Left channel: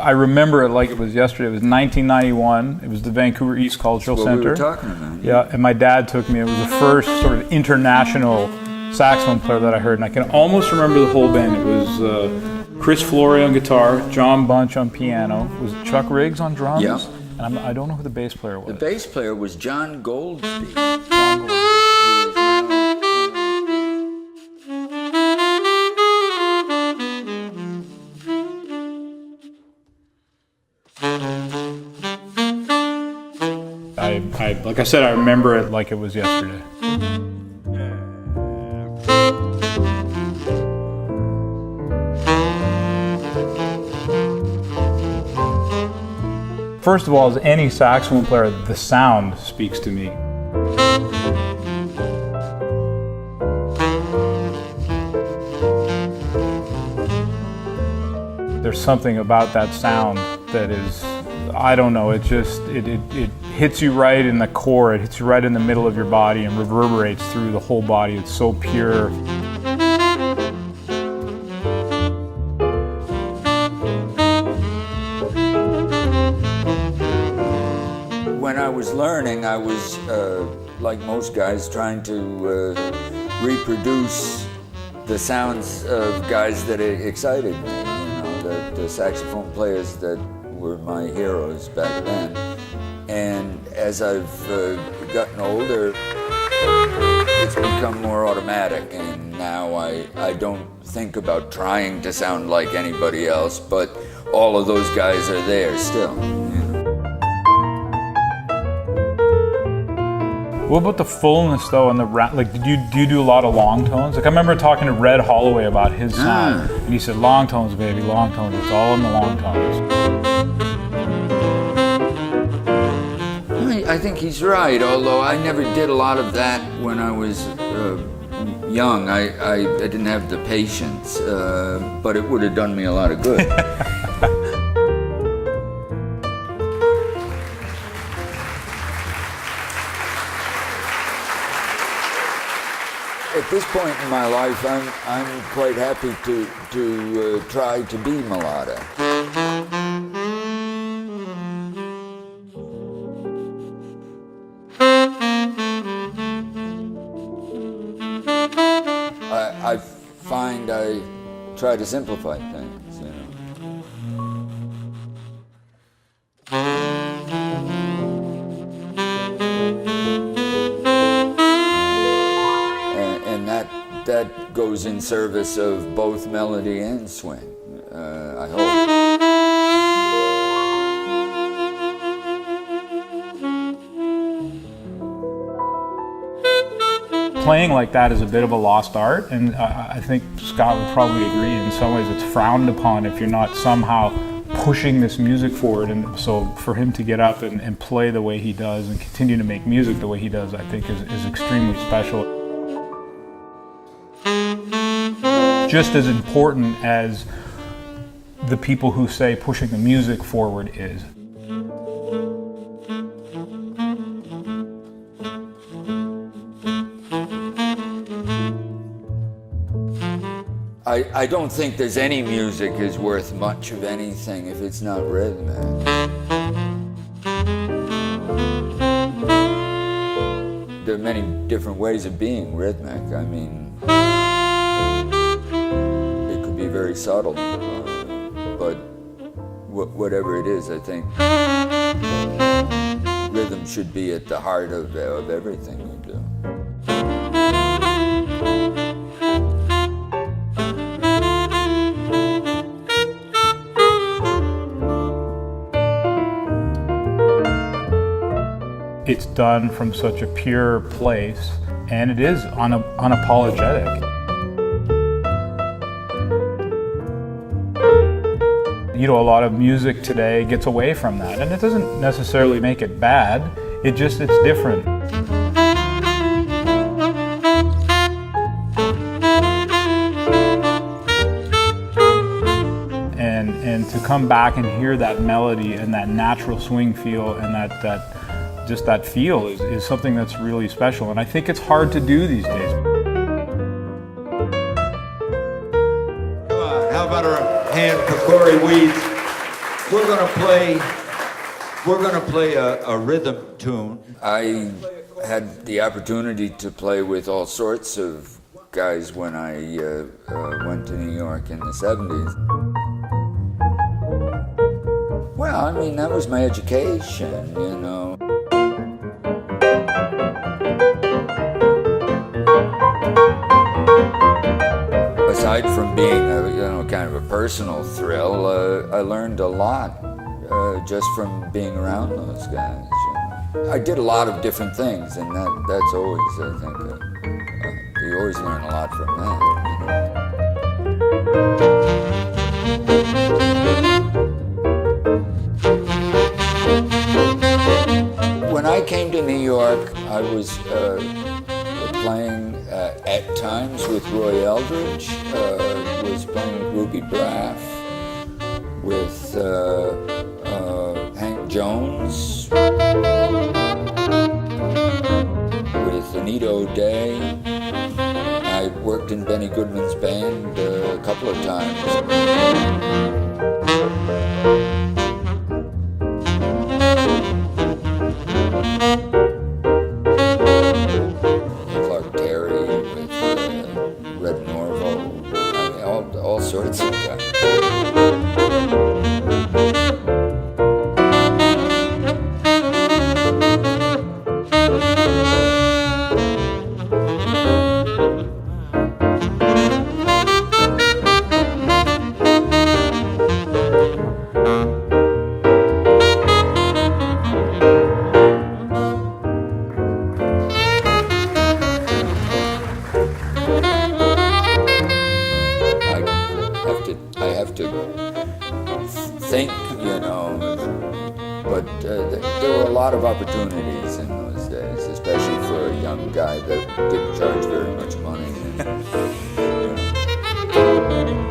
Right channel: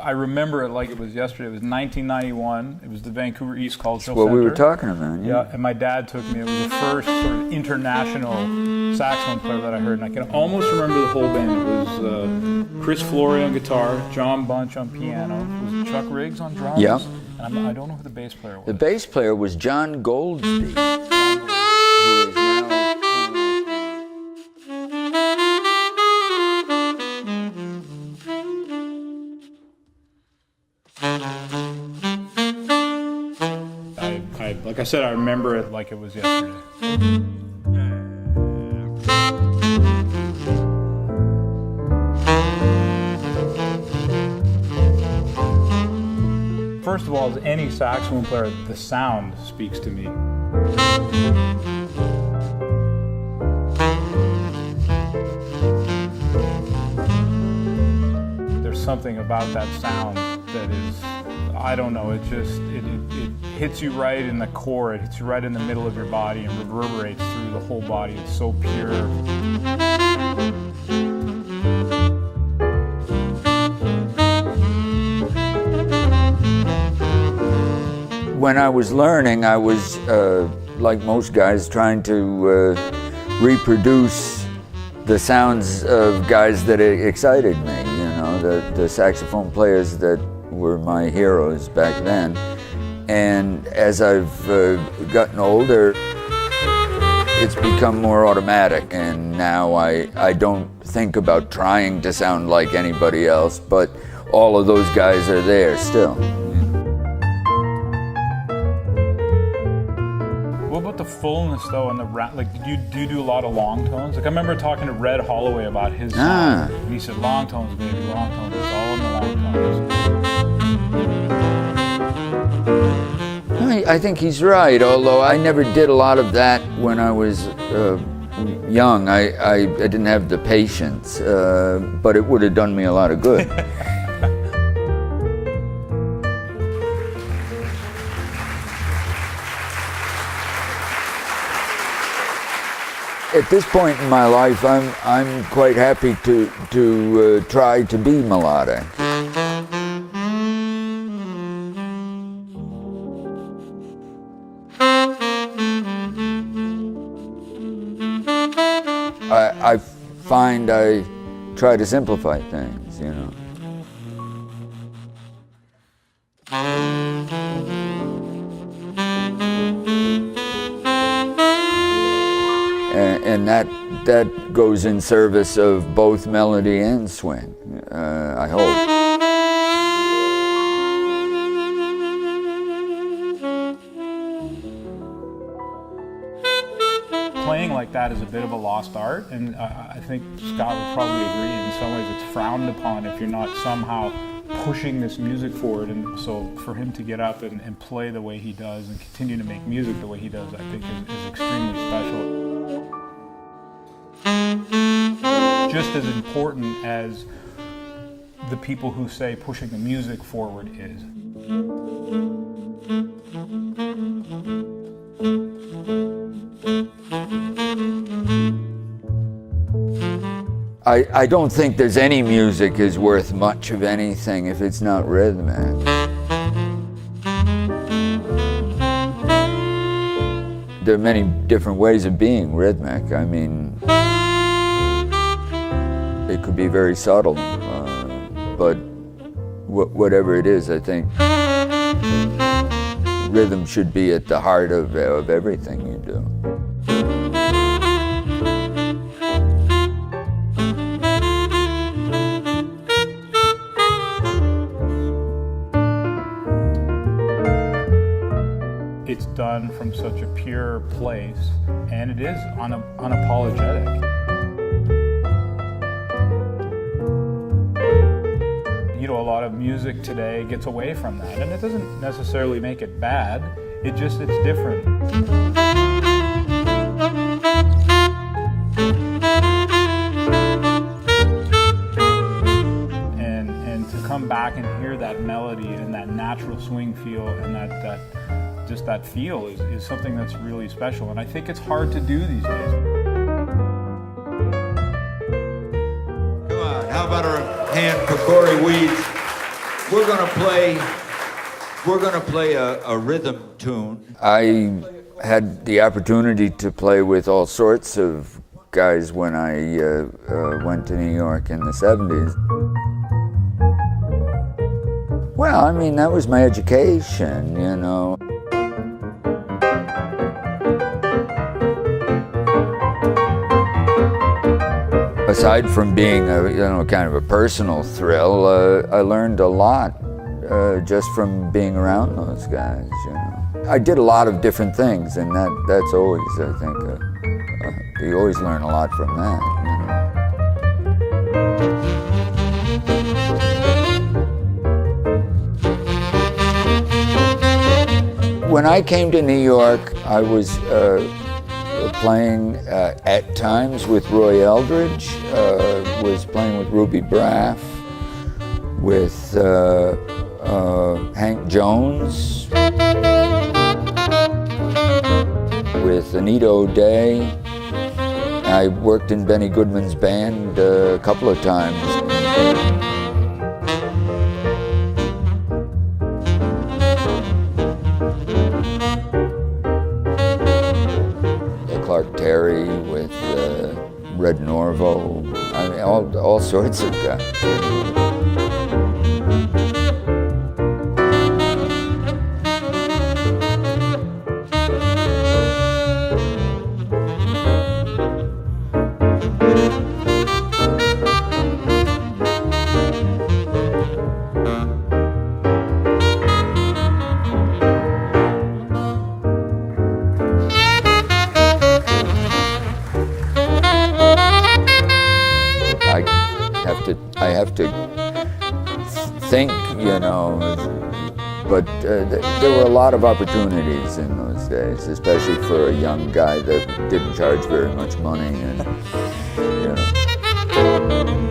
I remember it like it was yesterday. It was 1991. It was the Vancouver East Cultural Center. What we were talking about. Yeah, and my dad took me. It was the first sort of international saxophone player that I heard, and I can almost remember the whole band. It was Chris Flory on guitar, John Bunch on piano. Was it Chuck Riggs on drums? Yeah. And I don't know who the bass player was. The bass player was John Goldsby. Like I said, I remember it like it was yesterday. First of all, as any saxophone player, the sound speaks to me. There's something about that sound that is, I don't know, it hits you right in the core, it hits you right in the middle of your body and reverberates through the whole body. It's so pure. When I was learning, I was, like most guys, trying to reproduce the sounds of guys that excited me, you know, the saxophone players that were my heroes back then. And as I've gotten older, it's become more automatic, and now I don't think about trying to sound like anybody else, but all of those guys are there still. What about the fullness though, and the like? Do you do a lot of long tones? Like I remember talking to Red Holloway about his sound, and he said, "Long tones, baby, long tones. It's all in the long tones." I think he's right. Although I never did a lot of that when I was young. I didn't have the patience, but it would have done me a lot of good. At this point in my life, I'm quite happy to try to be melodic. I find I try to simplify things, you know. And that goes in service of both melody and swing, I hope. Playing like that is a bit of a lost art, and I think Scott would probably agree. In some ways it's frowned upon if you're not somehow pushing this music forward, and so for him to get up and play the way he does and continue to make music the way he does, I think is extremely special. Just as important as the people who say pushing the music forward is. I don't think there's any music is worth much of anything if it's not rhythmic. There are many different ways of being rhythmic. I mean, it could be very subtle, but whatever it is, I think rhythm should be at the heart of everything you do. It's done from such a pure place, and it is unapologetic. You know, a lot of music today gets away from that, and it doesn't necessarily make it bad, it's different. And to come back and hear that melody and that natural swing feel and just that feel is something that's really special, and I think it's hard to do these days. Come on, how about a hand for Cory Weeds? We're gonna play a rhythm tune. I had the opportunity to play with all sorts of guys when I went to New York in the 70s. Well, I mean, that was my education, you know. Aside from being kind of a personal thrill, I learned a lot just from being around those guys. You know, I did a lot of different things, and that's always, I think, you always learn a lot from that. You know? When I came to New York, I was playing at times with Roy Eldridge, was playing with Ruby Braff, with Hank Jones, with Anita O'Day. I worked in Benny Goodman's band a couple of times. With Red Norvo, I mean, all sorts of guys. I have to think, you know, but there were a lot of opportunities in those days, especially for a young guy that didn't charge very much money, and, you know.